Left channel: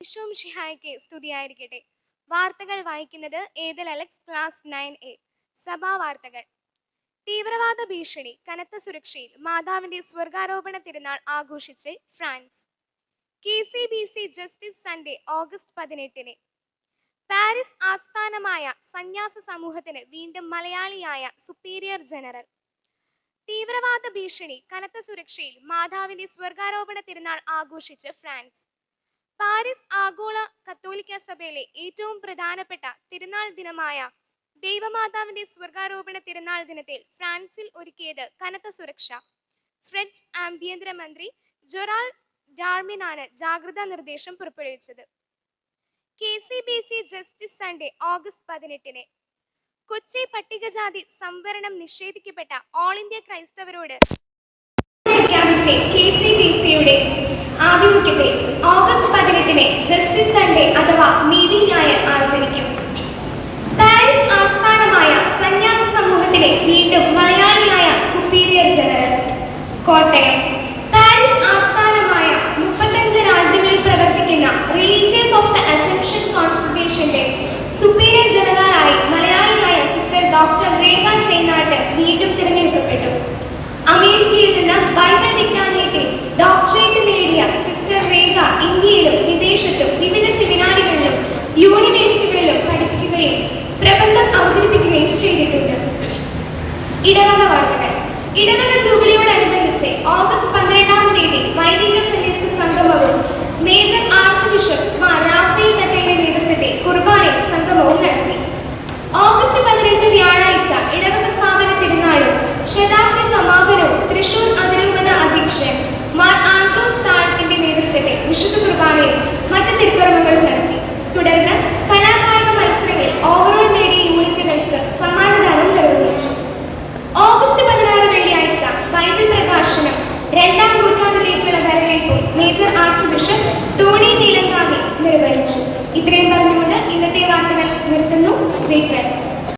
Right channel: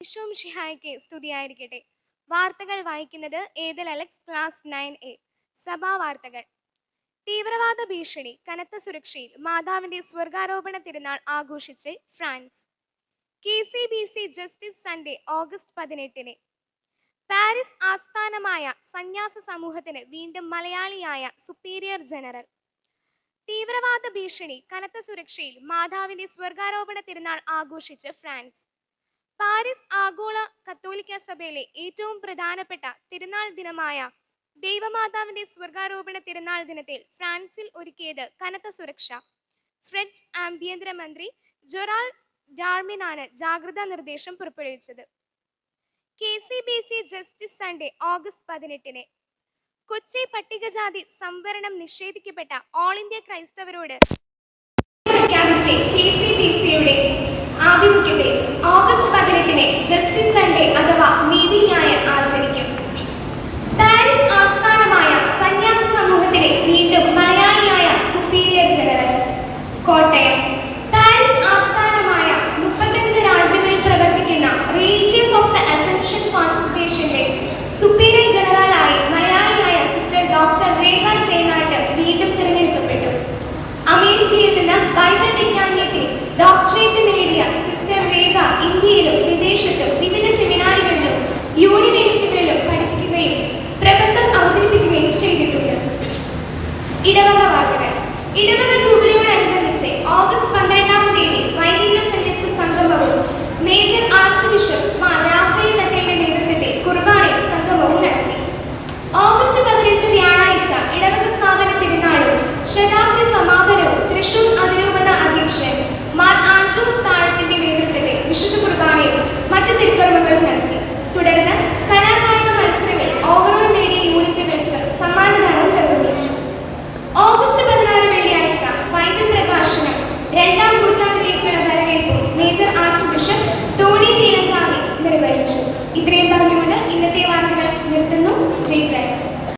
ഈശോം ഷിഹായ്ക്ക് സ്തുതിയായിരിക്കട്ടെ. വാർത്തകൾ വായിക്കുന്നത് Ethel Alex class nine A. സഭാ വാർത്തകൾ. തീവ്രവാദ ഭീഷണി കനത്ത സുരക്ഷയിൽ മാതാവിന്റെ സ്വർഗാരോപണ തിരുനാൾ ആഘോഷിച്ച് France. K C B C justice Sunday August പതിനെട്ടിന്. പാരീസ് ആസ്ഥാനമായ സന്യാസ സമൂഹത്തിന് വീണ്ടും മലയാളിയായ സുപ്പീരിയർ ജനറൽ. തീവ്രവാദ ഭീഷണി കനത്ത സുരക്ഷയിൽ മാതാവിന്റെ സ്വർഗാരോപണ തിരുനാൾ ആഘോഷിച്ച് ഫ്രാൻസ്. പാരീസ് ആഗോള കത്തോലിക്ക സഭയിലെ ഏറ്റവും പ്രധാനപ്പെട്ട തിരുനാൾ ദിനമായ ദൈവമാതാവിന്റെ സ്വർഗാരോപണ തിരുനാൾ ദിനത്തിൽ ഫ്രാൻസിൽ ഒരുക്കിയത് കനത്ത സുരക്ഷ. ഫ്രഞ്ച് ആഭ്യന്തര മന്ത്രി ജൊറാൾ ഡാർമിനാണ് ജാഗ്രതാ നിർദ്ദേശം പുറപ്പെടുവിച്ചത്. K C B C justice Sunday August പതിനെട്ടിന് കൊച്ചി പട്ടികജാതി സംവരണം നിഷേധിക്കപ്പെട്ട ഓൾ ഇന്ത്യ ക്രൈസ്തവരോട് ആഭിമുഖ്യത്തിൽ പതിനെട്ടിന് ജസ്റ്റിസ് സൺഡേ അഥവാ നീതി ന്യായ ആചരിക്കും. പാരീസ് ആസ്ഥാനമായ സന്യാസി സമൂഹത്തിലെ വീണ്ടും മലയാളിയായ സുപ്പീരിയർ ജനറൽ കോട്ടയം. ഇടവക ജൂബിലിയോടനുബന്ധിച്ച് ഓഗസ്റ്റ് തീയതി സംഗമവും മേജർ ആർച്ച് ബിഷപ്പ് നേതൃത്വത്തിൽ ഓഗസ്റ്റ് പതിനഞ്ച് വ്യാഴാഴ്ച ഇടവക സ്ഥാപന തിരുനാളും ശതാബ്ദി ഇത്രയും പറഞ്ഞുകൊണ്ട് ഇന്നത്തെ വാർത്തകൾ നിർത്തുന്നു. ജയ് പ്രസ്